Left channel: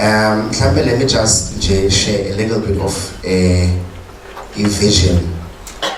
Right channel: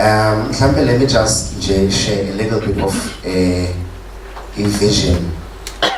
Let me just share a little bit of a vision.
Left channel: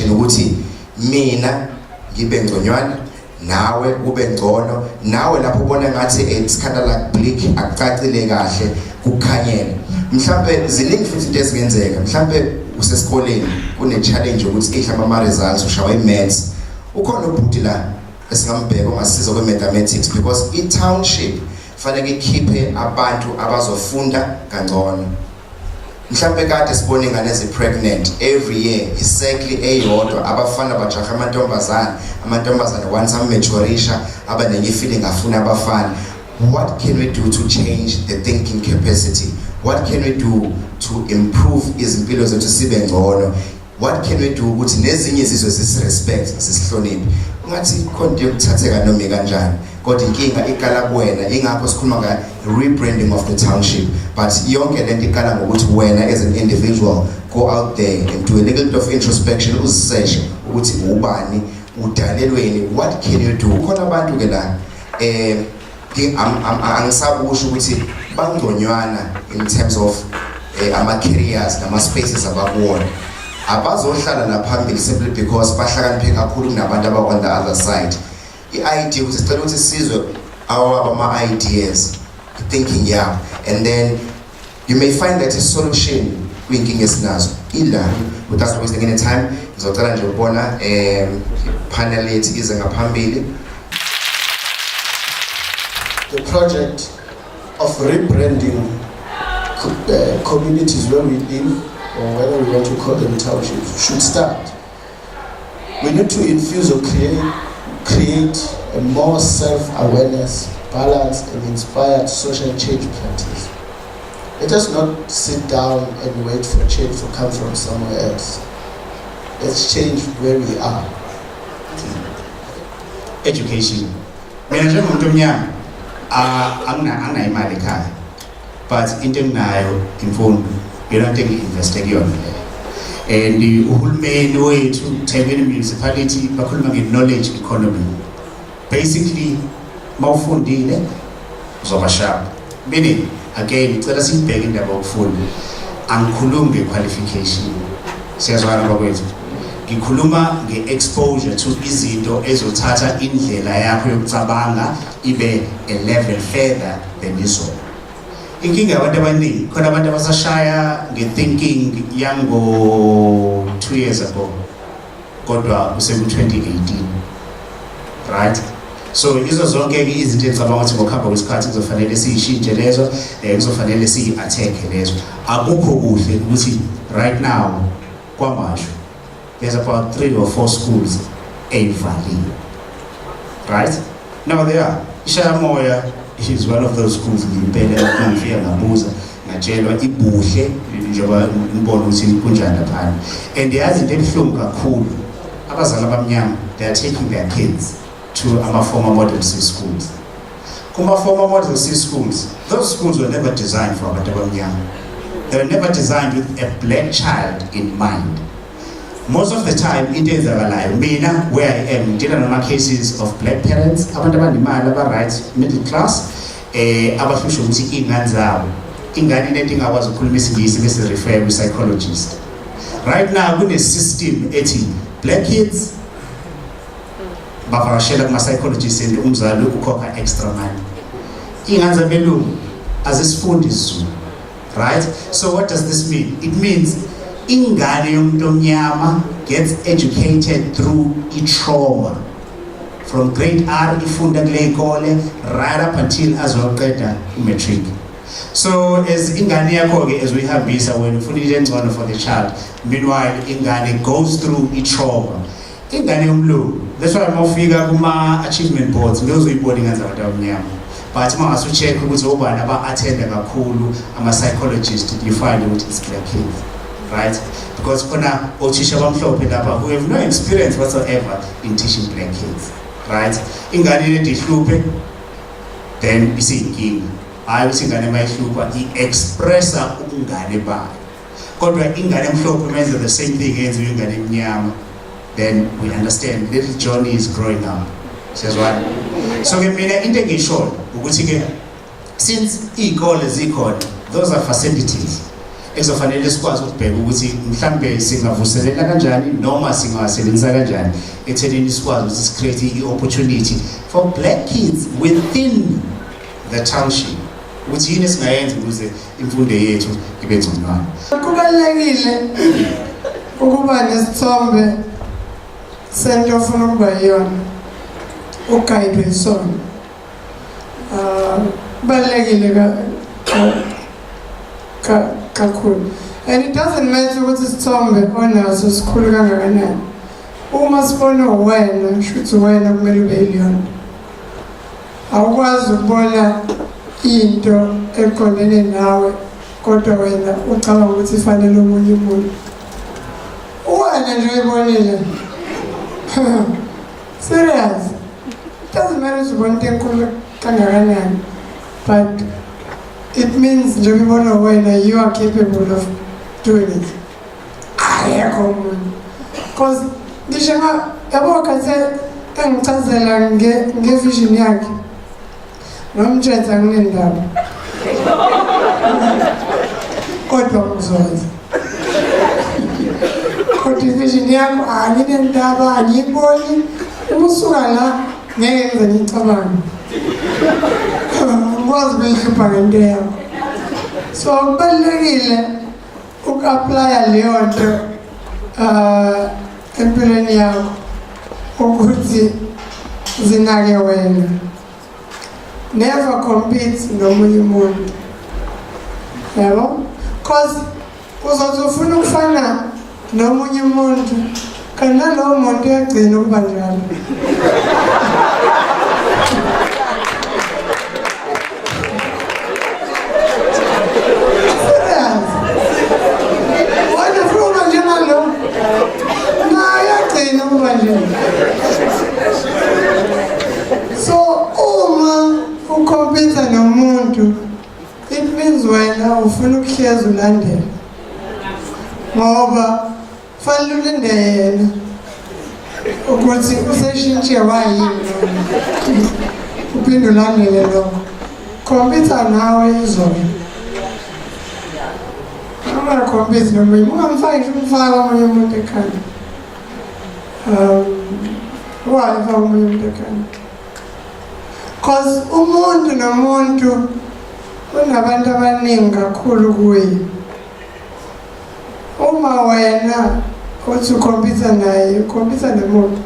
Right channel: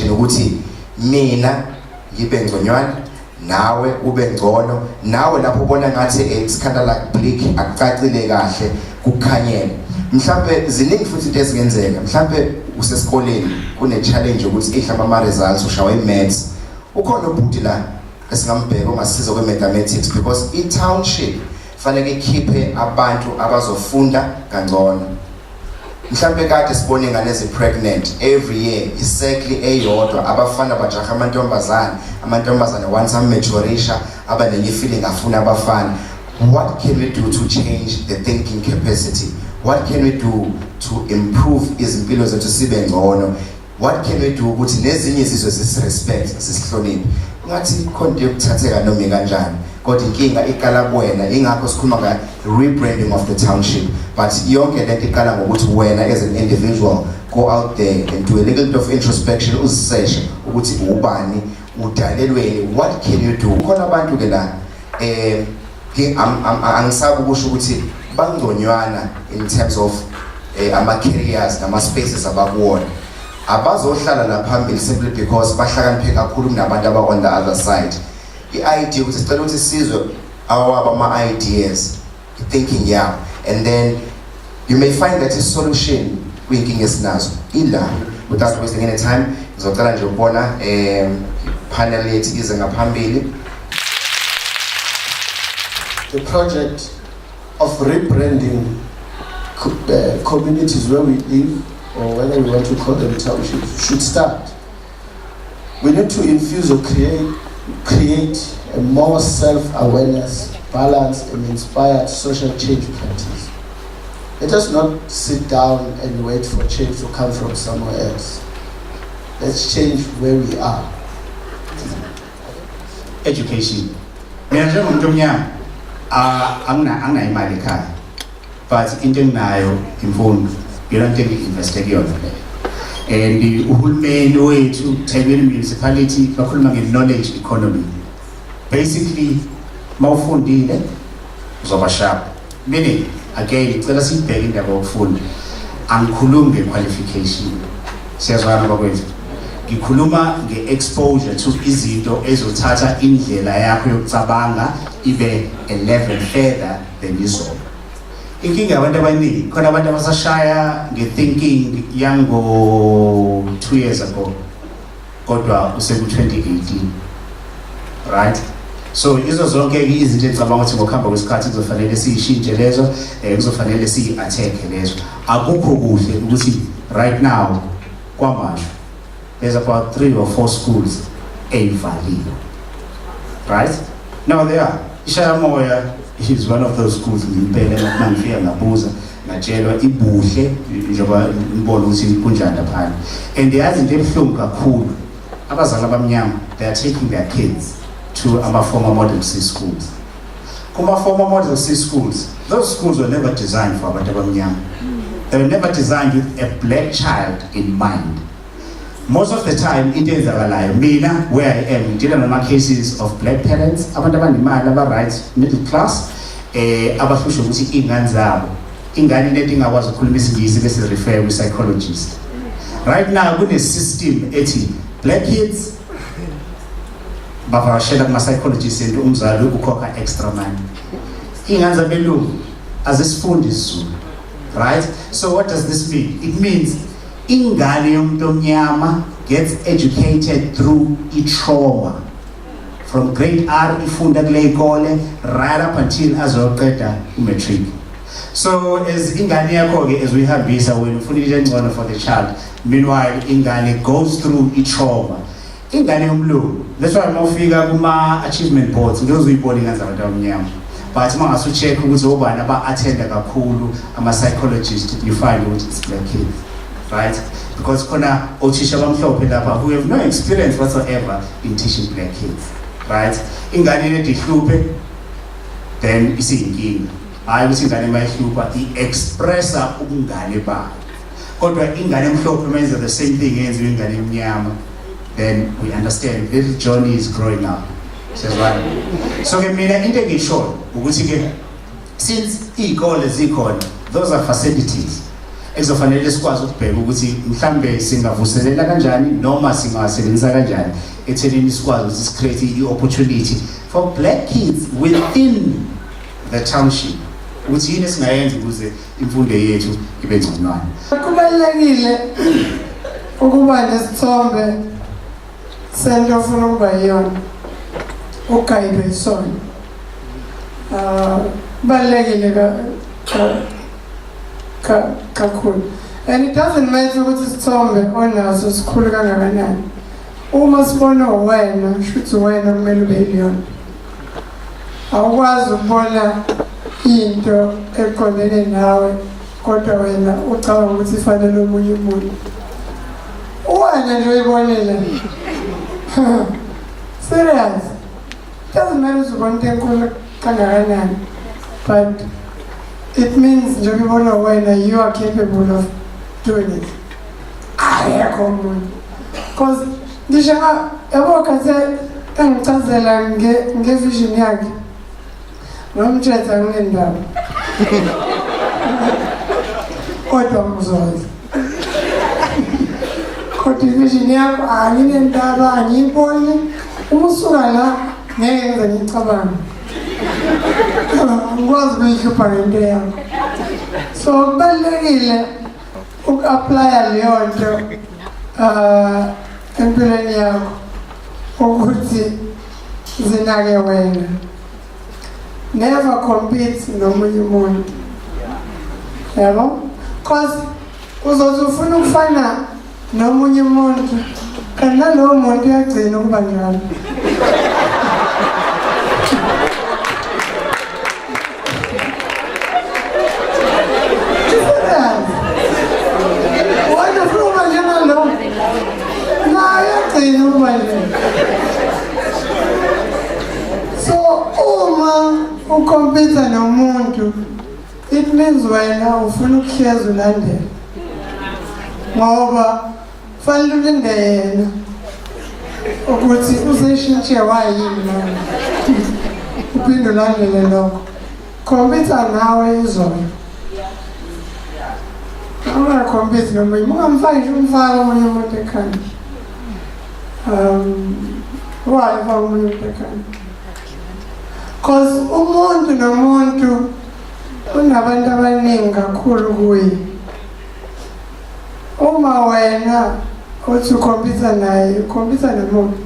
Ukuthi mina ngibe ngconywana nawe ube ngcono nawe lapho ubona ngathi it's kind of like bleak akucacile kahle kukhanyele mhlambe ziningi futhi into ezingenzeka mhlambe usesikoleni kune challenge ukuthi ihlamba ama results ushawa imaths ukhona ubhuti la esingambheka ongasiza kwe mathematics because I township fanele ikhiphe abantu abazofunda kangcono mhlambe kade sibone ingane pregnant every year exactly eyodwa abafana bajaha amantombazane once amaturisha abanenye feeling afuna abafana. What can we do to change the thinking capacity? What can we do to improve izimpilo zethu sibe ngcono? What can we do ukuthi nezinye izizwe zisirespect sisihloniphe ngathi konke ukuthatheka noma kanjani kodwa inkinga iqala kuwena ingakho sikhuluma nga rebranding of the township but yonke lento iqala ngokuthi wena as an individual go out there and do a little bit of introspection uziseshe ukuthi ubani udalelweni what can you do khona abantu ke la angisabi ukusho ukuthi bangconywana in terms of ama careers nama spaces abakuwona abazohlala la phambili simply because bahlakaniphe kakhulu kunabantu aba on the other side. I-idea ukuthi sicela ukuthi sizwe ama ideas thinking yeah and then you may find that a solution kwinkinga esinazo ila without wasting any time ngizocela nje ukubona panel yethu ize ngaphambili. The project of rebranding communities where we live or whether we want to call them townships should start. We need to infuse or create a more self-awareness, balanced and inspired social change practice. Let us not sit down and wait for change to come from somewhere else. Let's change where we are. Education. Mina njengomuntu omnyama angina imali ekhaya but into enginayo imfundo yonke ngi-investe kuyona le and uhulumeni wethu Thekwini municipality bakhuluma nge-knowledge economy. Basically mawufundile uzoba sharp meaning again ngicela sibheke indaba yokufunda angikhulumi nge-qualification siyazwana bakwethu ngikhuluma nge-exposure to izinto ezothatha indlela yakho yokucabanga ibe a level further than izona. Inkinga yabantu abaningi khona abantu abasashaya nge-thinking yango 2 years ago kodwa useku-2018 right so izo zonke izinto engicabanga ukuthi ngokuhamba kwesikhathi kuzofanele siyishintshe lezo kuzofanele siyi-attack lezo akukho kuhle ukuthi right now Kwamashu there's about 3 or 4 schools ey'valiwe right now there are Ishayamoya is one of those schools ngimpela mangifika ngabuza ngatshelwa ibuhle njengoba ngibona ukuthi kunjani lapha and yazi into ebuhlungu kakhulu abazali abamnyama they are taking their kids to ama former model C schools. Kuma former model C schools, those schools were never designed for abantu abamnyama. They were never designed with a black child in mind. Most of the time into ezakalayo mina where I am ngidila nama cases of black parents abantu abanimali aba-right middle class abahlusha ukuthi iy'ngane zabo ingane lento ingakwazi ukukhuluma isingisi bese refer kwi-psychologist. Right now kune-system ethi black kids bavakashela kuma-psychologist and umzali ukhokha extra money. Iy'ngane zabelungu azisifundi isiZulu right so what does this mean? It means ingane yomuntu omnyama gets educated through trauma from grade R ifunda kule ikole right up until azoqeda matric. So as ingane yakho ke as we have visa when ufuna into engcono for the child meanwhile ingane goes through trauma ingane yomlungu. That's why mawufika kuma achievement boards ngizuyibona ingane zabantu abamnyama but mangase ucheck ukuthi obani aba-attenda kakhulu ama-psychologist you find ukuthi it's black kids right because khona othisha bamhlophe lapha who have no experience whatsoever in teaching black kids right ingane lento ihluphe then isiyinkinga hayi ukuthi ingane mayihlupha i-expressa ubungane bayo kodwa ingane emhlophe menza the same thing yenza ingane emnyama then we understand little Johnny is growing up says what so ke mina into engisho ukuthi ke since iy'kole zikhona those are facilities ekuzofanele sikwazi ukubheka ukuthi mhlambe singavuselela kanjani noma singawasebenzisa kanjani ekuthenini sikwazi ukuthi sicreate i-opportunity for black kids within the township ukuthi yini esingayenza ukuze imfundo yethu ibe ngconywana. Kubalulekile ukuba nesithombe sento ofuna ukuba yiyona ugayidwe yisona. Kubalulekile kakhulu. And it doesn't matter ukuthi isithombe onaso sikhulu kangakanani. Uma sibona wena shuthi wena kumele ube yilona. Awukwazi ukubona into eqondene nawe kodwa wena ucabanga ukuthi ifanele omunye umuntu. Wena nje uyibonile. Serious. It doesn't matter ukuthi ubona into enkulu kangakanani, but it means nje ubona wena you are capable of doing it. Ayekho umuntu. Because ngisho yabo kase engichazela ngevision yakhe. Nomthetho anginendaba. Kodwa mzozi. Kodwa vision yakho anginendaba angiyiboni. Umusuka la ngeke ngize ngicabanga. Ngikwazi ukuyikhipha ngento yakho. So kubalulekile uku-applya leyo nto empilweni yakho ukuthi zinake wena. Never compete nomunye umuntu. Yabo? Because uzothi ufuna ukufana nomunye umuntu kanti nalowo muntu uyagcina ukuba njalo. Wena ufuna ukuba njalo? Na uyagcina ukuba njalo. So uma ukompita nomuntu, it means wena ufuna ukuhleza ulandela. Ngoba fanele ulinde yena ukuthi useshintshe wayini noma uphinde ulandele lokho. Kompita nawe izolo. Ungakompita nomunye, ungamfaki nje umfaka omunye umuntu ekhanda. Why ufaka omunye umuntu ekhanda? Because umuntu nomuntu unabantu abaningi kakhulu kuye. Uma wena uthi ukhompyutha naye, ukhompyutha nomuntu.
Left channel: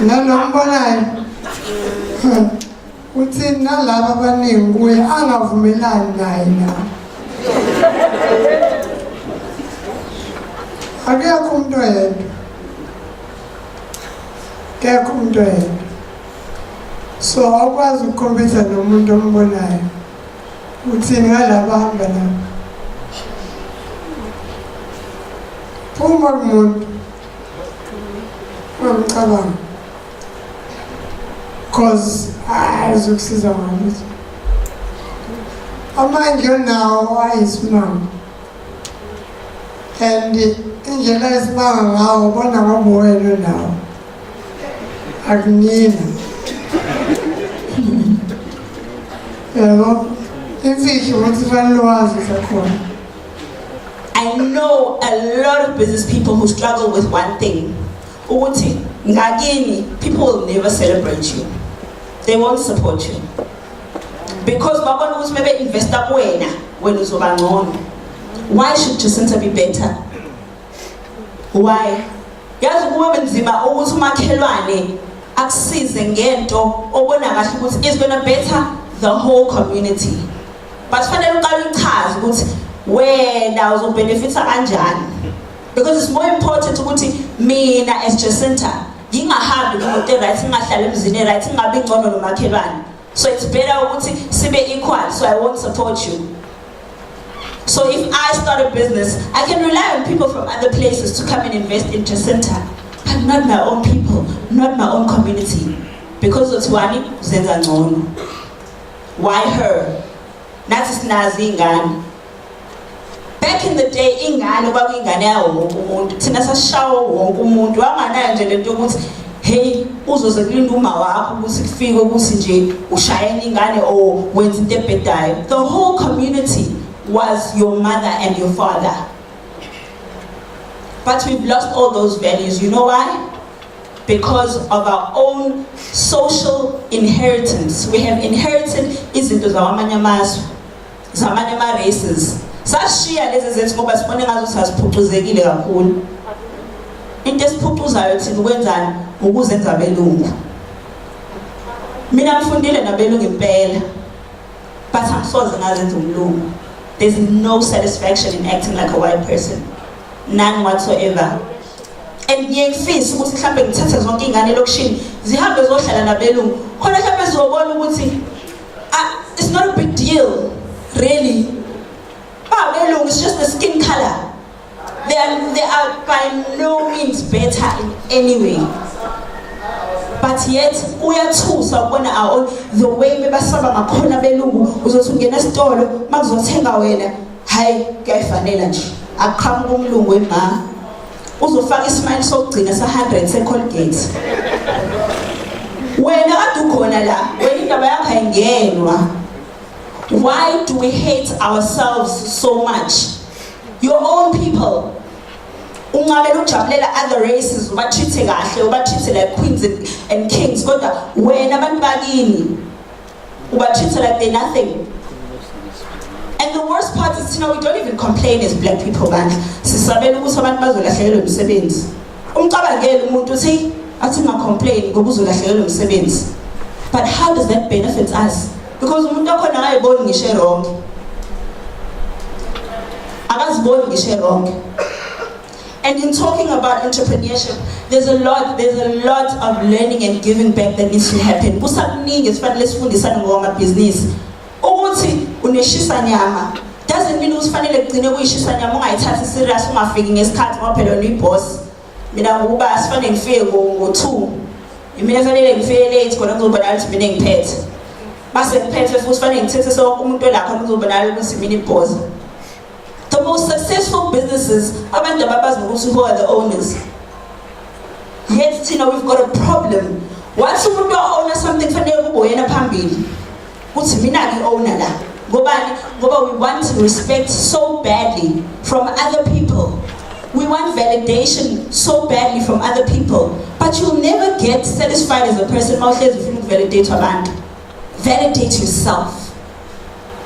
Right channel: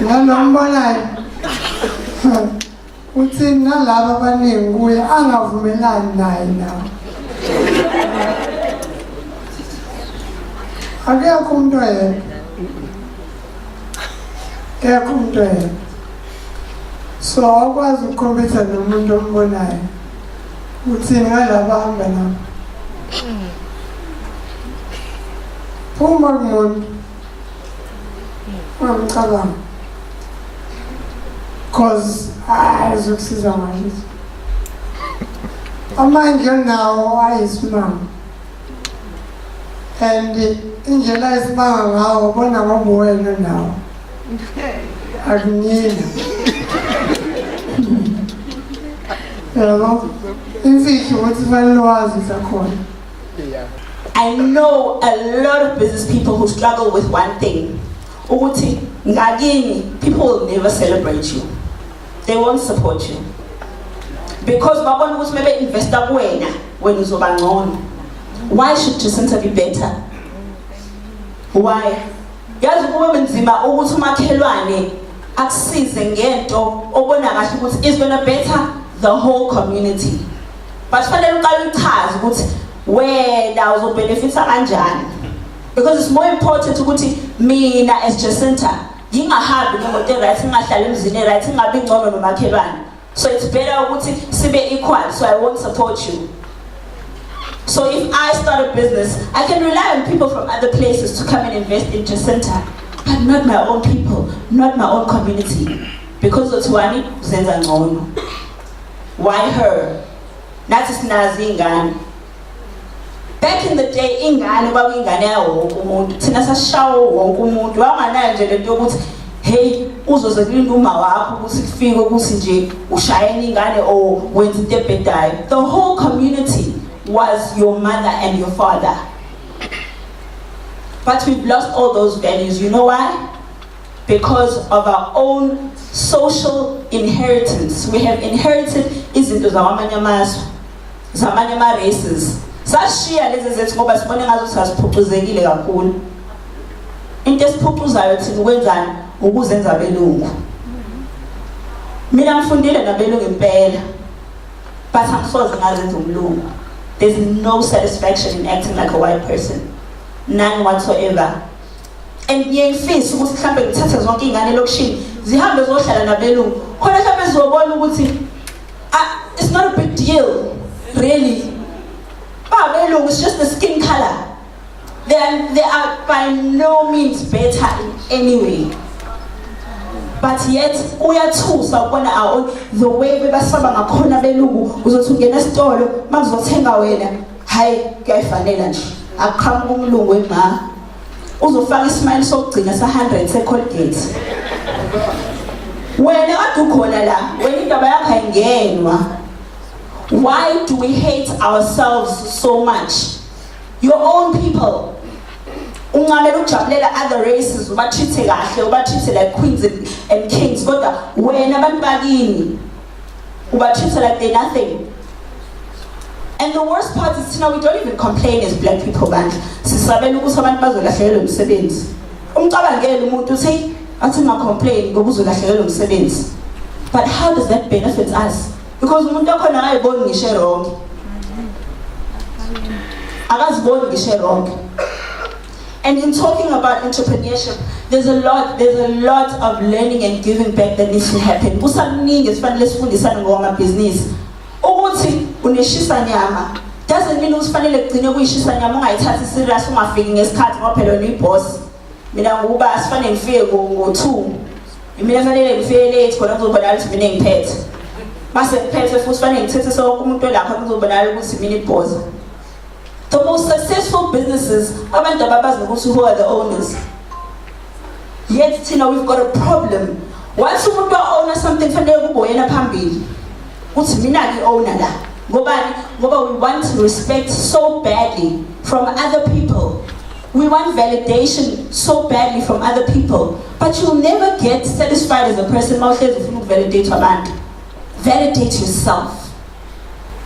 Nalombonayo. Uthi nalabo abaningi kuye angavumelani naye nawe. Akekho umuntu oyedwa. Akekho umuntu oyedwa. So awukwazi ukukhompyutha nomuntu ombonayo. Uthini ngalabo ahamba nabo. Phuma kumuntu. Ungamcabanga. Because ayizukusiza ngalutho. Amanje onawo ayisimanga. And indlela esimanga ngawo bona ngoba wena nawo. Akunina. I know a lot of business people who struggle with one thing. Uguti, ngagini, people will never celebrate you. They won't support you. Because babona ukuthi maybe investor kuwena when uzoba ngcono. Why should Jacinta be better? Why? Yazi kube nzima ukuthi umakhelwane akusize ngento obona kahle ukuthi is going to better the whole community. But fanele uqale uchaze ukuthi wena uzobenefita kanjani. Because it's more important ukuthi mina as Jacinta ngingahambi ngomoto right ngingahlala emzini right ngingabi ngcono nomakhelwane. So it's better ukuthi sibe equal, so I won't support you. So if I start a business, I can rely on people from other places to come and invest in Jacinta, but not my own people, not my own community. Because it's wani zenza ngcono. Why her? Nathi sinazi ingane. Back in the day, ingane kwakuyingane yawo wonke umuntu. Thina sashawo wonke umuntu. Wanganayo nje lento ukuthi hey uzoze kulinda uma wakho ukuthi kufike ukuthi nje ushayela ingane or wenza into ebhedayo. The whole community was your mother and your father. But we've lost all those values. You know why? Because of our own social inheritance. We have inherited izinto zamanye amazwe, zamanye ama races. Sashiya lezi zethu ngoba sibone ngazo sasiphucuzekile kakhulu. Into esiphucuzayo thina ukwenzani ukuzenza abelungu. Mina ngifundile nabelungu impela. But angisoze ngazenza umlungu. There's no satisfaction in acting like a white person. None whatsoever. And ngiyefisa ukuthi mhlambe ngithathe zonke ingane lokushini zihambe zohlala nabelungu. Khona mhlambe zobona ukuthi it's not a big deal really. Abelungu is just the skin color. They are by no means better in any way. But yet uyathusa ukubona our the way bebasaba ngakhona belungu uzothi ungena esitolo makuzothenga wena hayi kuyafanele nje aqhamuka umlungu ema uzofaka ismile sokugcina sa100 seColgate wena kade ukhona la wena indaba yakho ayingenwa. Why do we hate ourselves so much? Your own people. Ungabela ujabulela other races ubathithe kahle ubathithe like queens and kings kodwa wena abantu bakini ubathithe like they're nothing. And the worst part is, we don't even complain as black people bandla. Sisabela ukuthi abantu bazolahlekelwa umsebenzi. Umcabangele umuntu uthi athi complain ngoba uzolahlekelwa umsebenzi. But how does that benefit us? Because umuntu okhona ayiboni ngisho wrong. Akaziboni ngisho wrong. And in talking about entrepreneurship, there's a lot of learning and giving back that needs to happen. Kusakuningi esifanele sifundisane ngoma business. Ukuthi uneshisa nyama doesn't mean usifanele kugcine kuyishisa nyama ungayithathi serious ungafiki ngesikhathi ngoba phela uyiboss. Mina ngoba asifanele ngifike ngo2. Mina fanele ngifike late khona ngizobona ukuthi mina ngiphethe. Base ngiphethe futhi fanele ngithethe sonke umuntu olapha ngizobona ukuthi mina iboss. The most successful businesses, abantu ababazi ukuthi who are the owners. Yet we've got a problem. Once umuntu owner something fanele kube yena phambili. Uthi mina ngi-owner la. Ngoba we want respect so badly from other people. We want validation so badly from other people. But you'll never get satisfied as a person mawuhlezi ufuna ukuvalidate abantu. Validate yourself.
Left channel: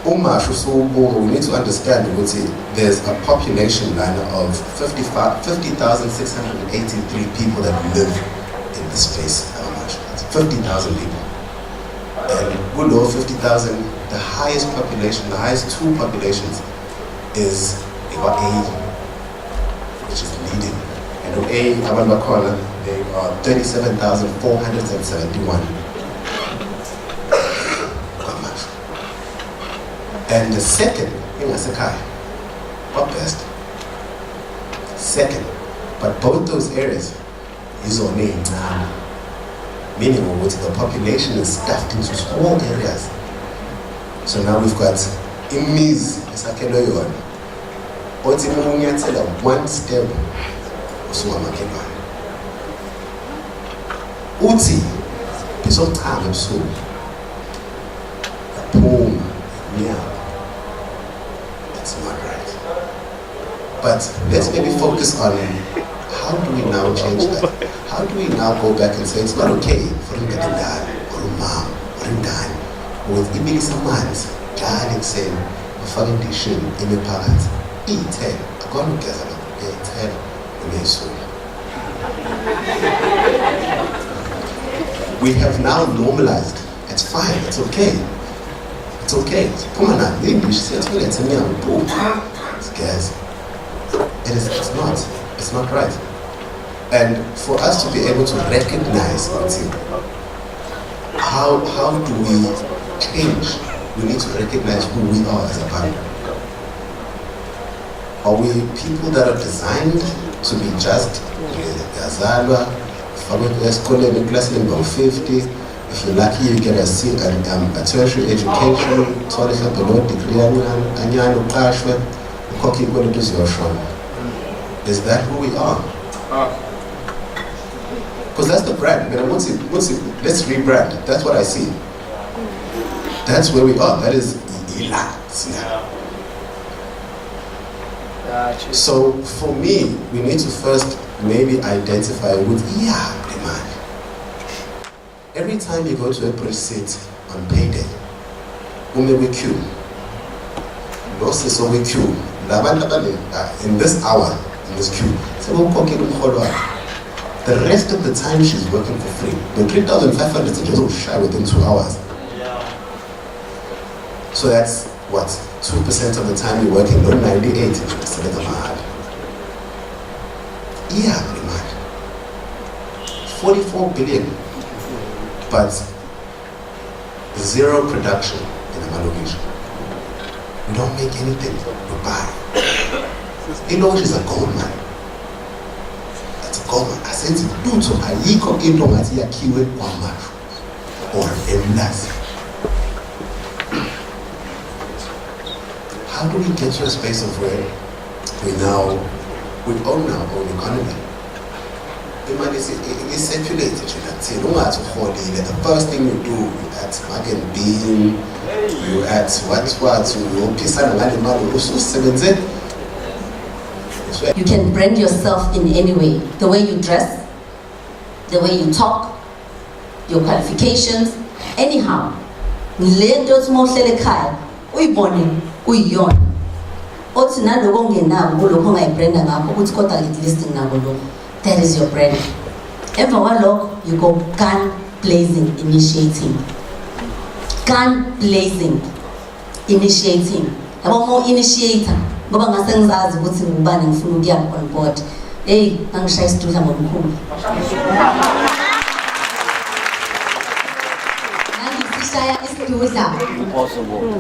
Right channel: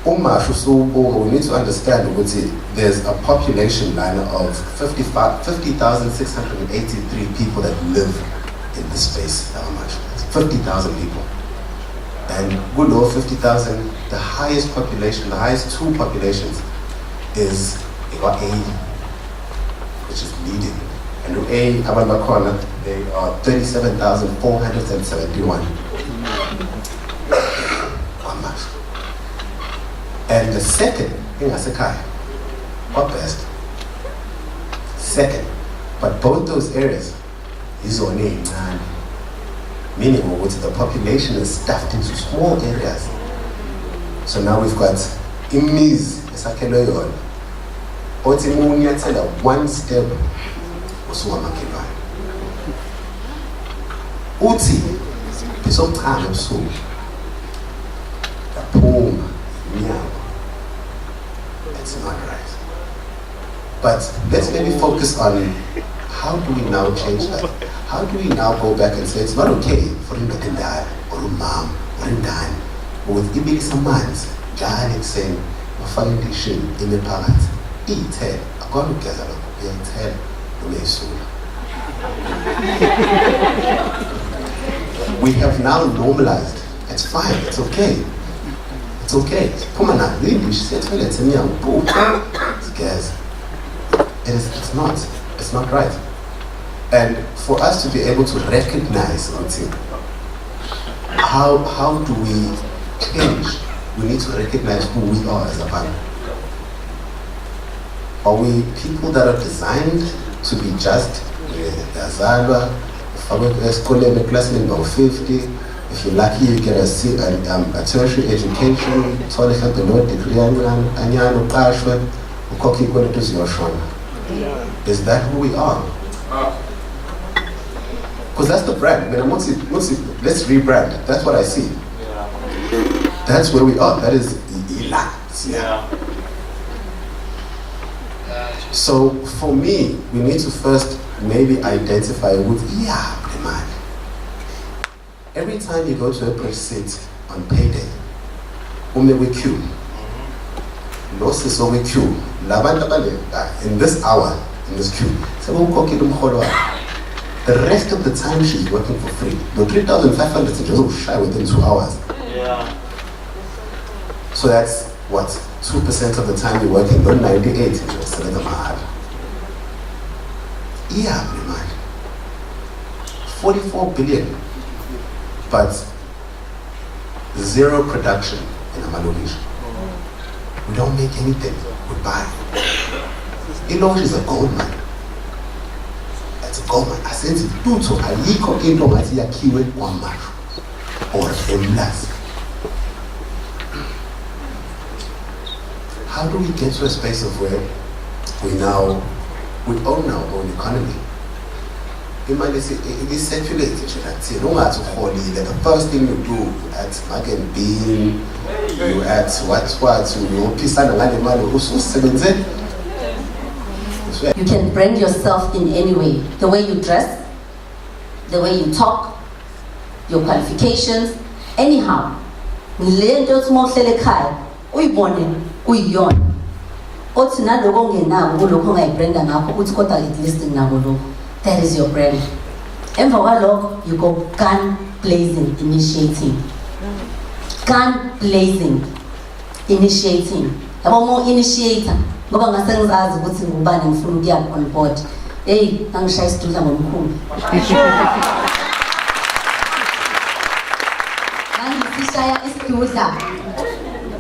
We need to understand ukuthi there's a population line of 50,683 people that live in this space. 50,000 people. And below 50,000, the highest population, the highest two populations is A, which is leading. And A, Abanbakola, they are 37,471. Kwamashu. And the second, Ingasekai, what best? Second, but both those areas is on name. Meaning the population is stuffed into small areas. So now we've got imiz esakeloyon. Othi munyathela one step usuwamakelwane. Uthi bisochama ebusuku. Yaphuma inyama. That's not right. But let's maybe focus on how do we now change that? How do we now go back and say it's not okay for him to die or mom or dad with ibilisa manzi njalo ekuseni bafake indishini imiphakathi iyithela akona ukugeza lokho uyayithela uyayisula. We have now normalized. It's fine. It's okay. It's okay. Phuma na indishi siyathola emnyango boom. Guys, it's not right. And for us to be able to recognize how do we change? We need to recognize who we are as a family. Are we people that are designed to be just? Class number 50. If you're lucky, you get a tertiary education. Is that who we are? Because that's the brand. Let's rebrand. That's what I see. That's where we are. That is Ila. So for me, we need to first maybe identify with demand. Every time you go to a precinct on payday, we queue. Losses over queue. In this hour, in this queue. The rest of the time she's working for free. The 3,500 is just shy within 2 hours. So that's what? 2% of the time you're working, not 98. Yeah, pretty much. 44 billion, but zero production in a location. We don't make anything, we buy. Ilonge is a gold mine. It's a gold mine. I said to do so, I yiko into Matia Kiwe Kwamashu or Emlas. How do we get to a space of where we own our own economy? It is circulated. The first thing you do, you add Mac and Bean, you add You can brand yourself in any way. The way you dress, the way you talk, your qualifications, anyhow. Uyiyona othi naloko ongenako kulokho ongayibranda ngakho uthi kodwa at least nginako lokho. That is your brand. Emva kwalokho you go gun blazing, initiating. Yabo mo initiator ngoba ngase ngizazi ukuthi ngubani ngifuna ukuya on board. Hey, angishaya isidudla ngomkhulu. Shaya isidudla.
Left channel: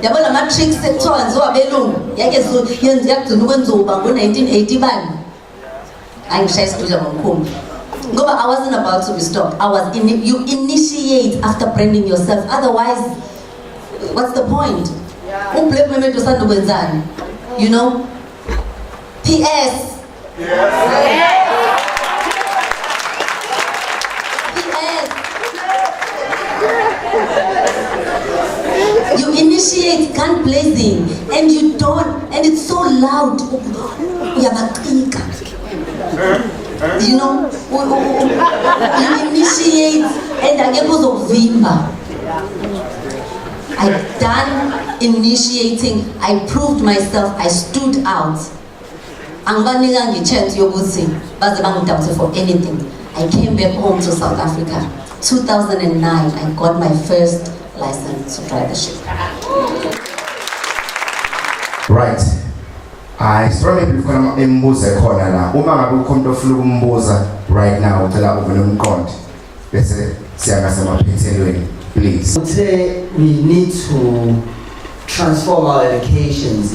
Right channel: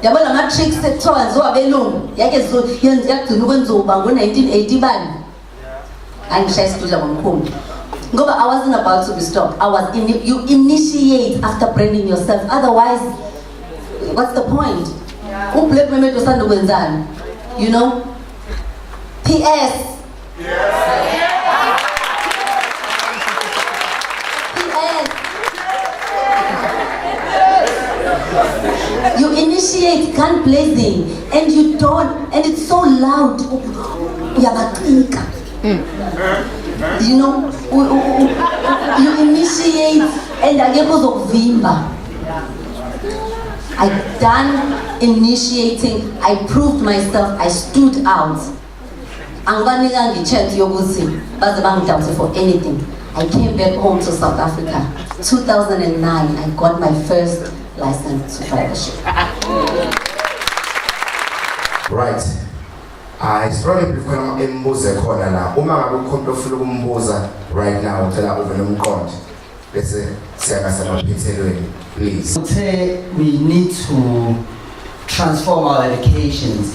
Yabo la matrix sekuthiwa njengoba abelungu yake yakugcina ukwenzuba ngo-1980 bani. Angishaya isidudla ngomkhulu. Ngoba I wasn't about to be stopped. You initiate after branding yourself. Otherwise, what's the point? Black women to stand ukwenzani. You know? PS. You initiate gun blazing and you don't, and it's so loud. You know, you initiate and I get vimba. I done initiating, I proved myself, I stood out. Angibanika chance yokuthi baze bangidawuthe for anything. I came back home to South Africa. 2009, I got my first license to drive a ship. Right. I strongly prefer imbuze khona la. Uma ngabe ukhona ofuna ukumbuza right now uthela uvele umqondo. Bese siyakase maphethelweni. Please. We need to transform our educations.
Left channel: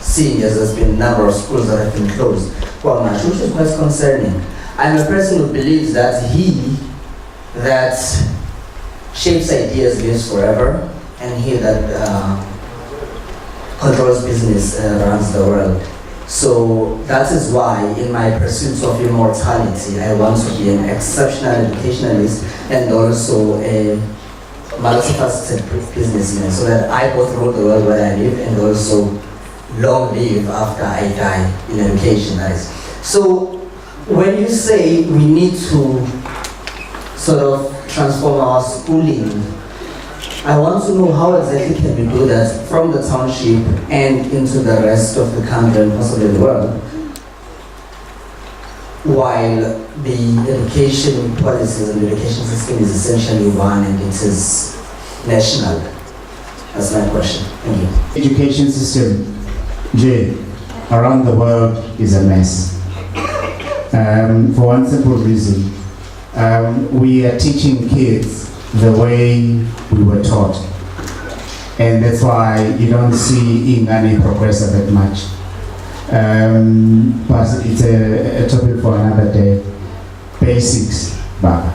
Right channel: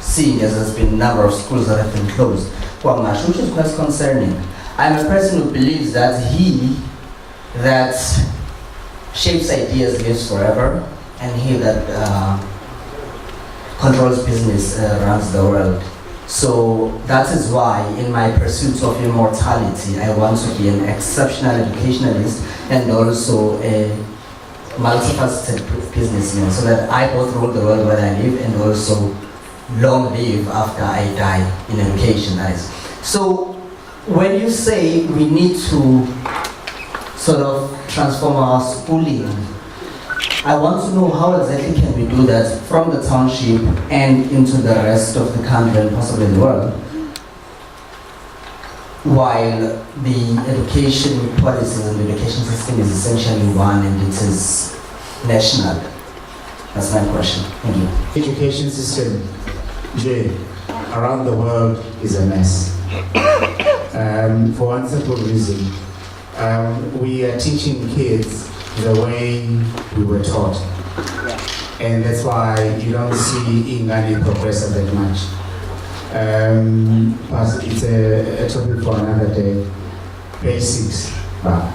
Seeing as there's been a number of schools that have been closed, Kwamashu, which is quite concerning. I'm a person who believes that he that shapes ideas lives forever, and he that controls business runs the world. So that is why, in my pursuit of immortality, I want to be an exceptional educationalist and also a multifaceted businessman, so that I both rule the world where I live and also long live after I die in education. So when you say we need to sort of transform our schooling, I want to know how exactly can we do that from the township and into the rest of the country and possibly the world, while the education policies and the education system is essentially one and it is national. That's my question. Thank you. Education system, around the world is a mess. For one simple reason, we are teaching kids the way we were taught, and that's why you don't see Ingani progress that much. But it's a topic for another day. Basics, but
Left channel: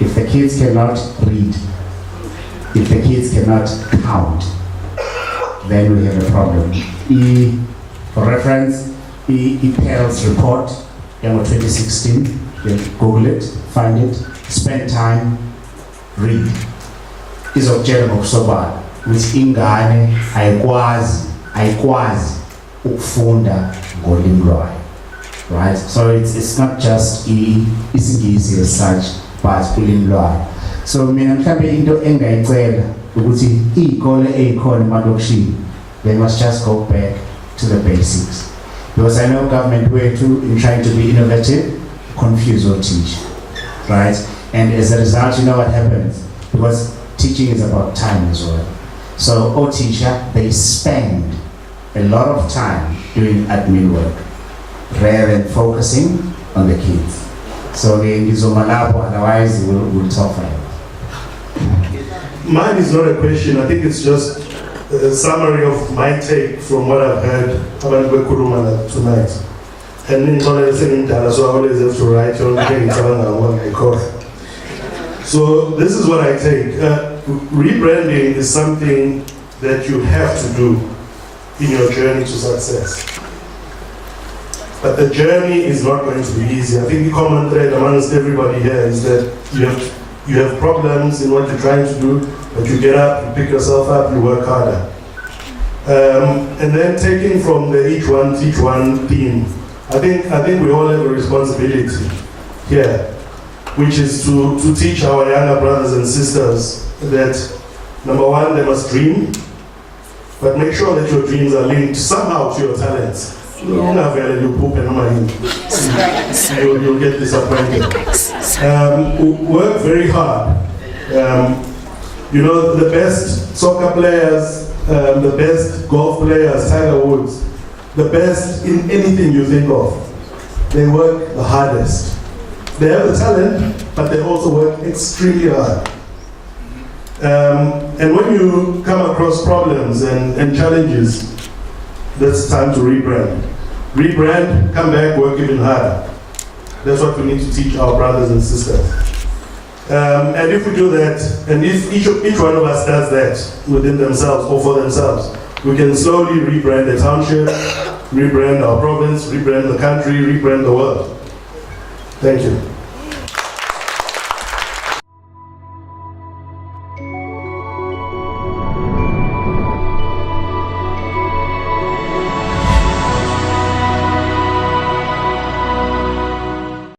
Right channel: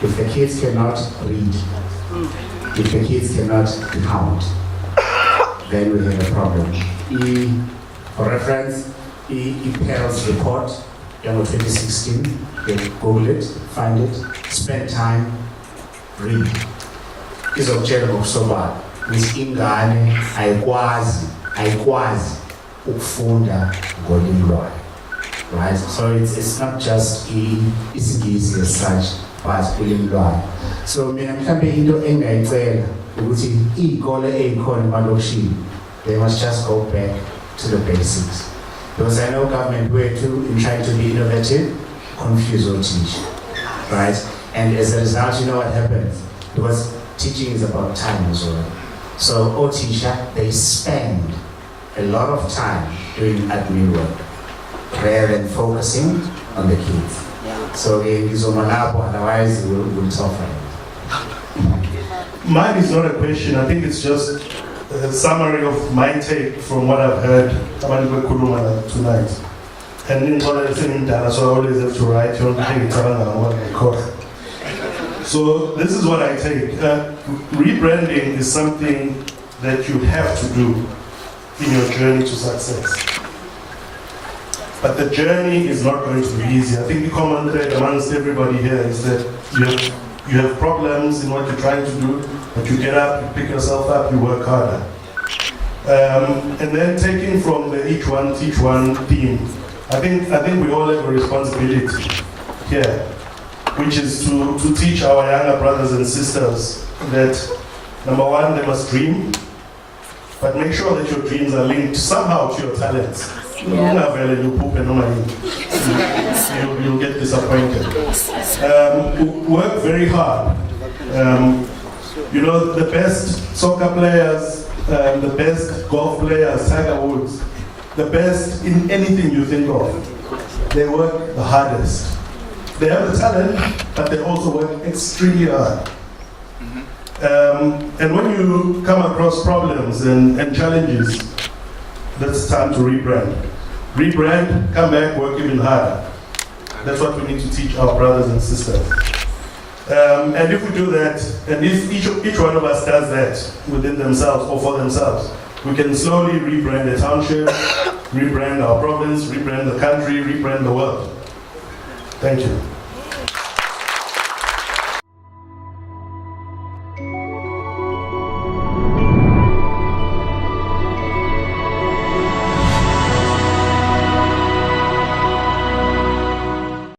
if the kids cannot read, if the kids cannot count, then we have a problem. For reference, EPL's report 2016. You Google it, find it, spend time, read. Izokutshela ngokusobala ukuthi ingane ayikwazi ukufunda ngolimi lwayo. Right? So it's not just isiNgisi as such, but ulimi lwayo. So mina mhlambe into engayicela ukuthi izikole ezikhona emalokishini, they must just go back to the basics. Because I know government wethu in trying to be innovative, confuse or teach. Right? And as a result, you know what happens? Because teaching is about time as well. So all teacher, they spend a lot of time doing admin work rather than focusing on the kids. So otherwise we'll suffer. Mine is not a question. I think it's just a summary of my take from what I've heard tonight. And so I always have to write your thing. So this is what I take. Rebranding is something that you have to do in your journey to success. But the journey is not going to be easy. I think the common thread amongst everybody here is that you have problems in what you're trying to do, but you get up, you pick yourself up, you work harder. And then taking from the each one teach one theme, I think we all have a responsibility here, which is to teach our younger brothers and sisters that, number one, they must dream, but make sure that your dreams are linked somehow to your talents. Yeah. You'll get disappointed. Work very hard. You know, the best soccer players, the best golf players, Tiger Woods, the best in anything you think of, they work the hardest. They have the talent, but they also work extremely hard. And when you come across problems and challenges, that's time to rebrand. Rebrand, come back, work even harder. That's what we need to teach our brothers and sisters. And if we do that, and if each one of us does that within themselves or for themselves, we can slowly rebrand the township, rebrand our province, rebrand the country, rebrand the world. Thank you.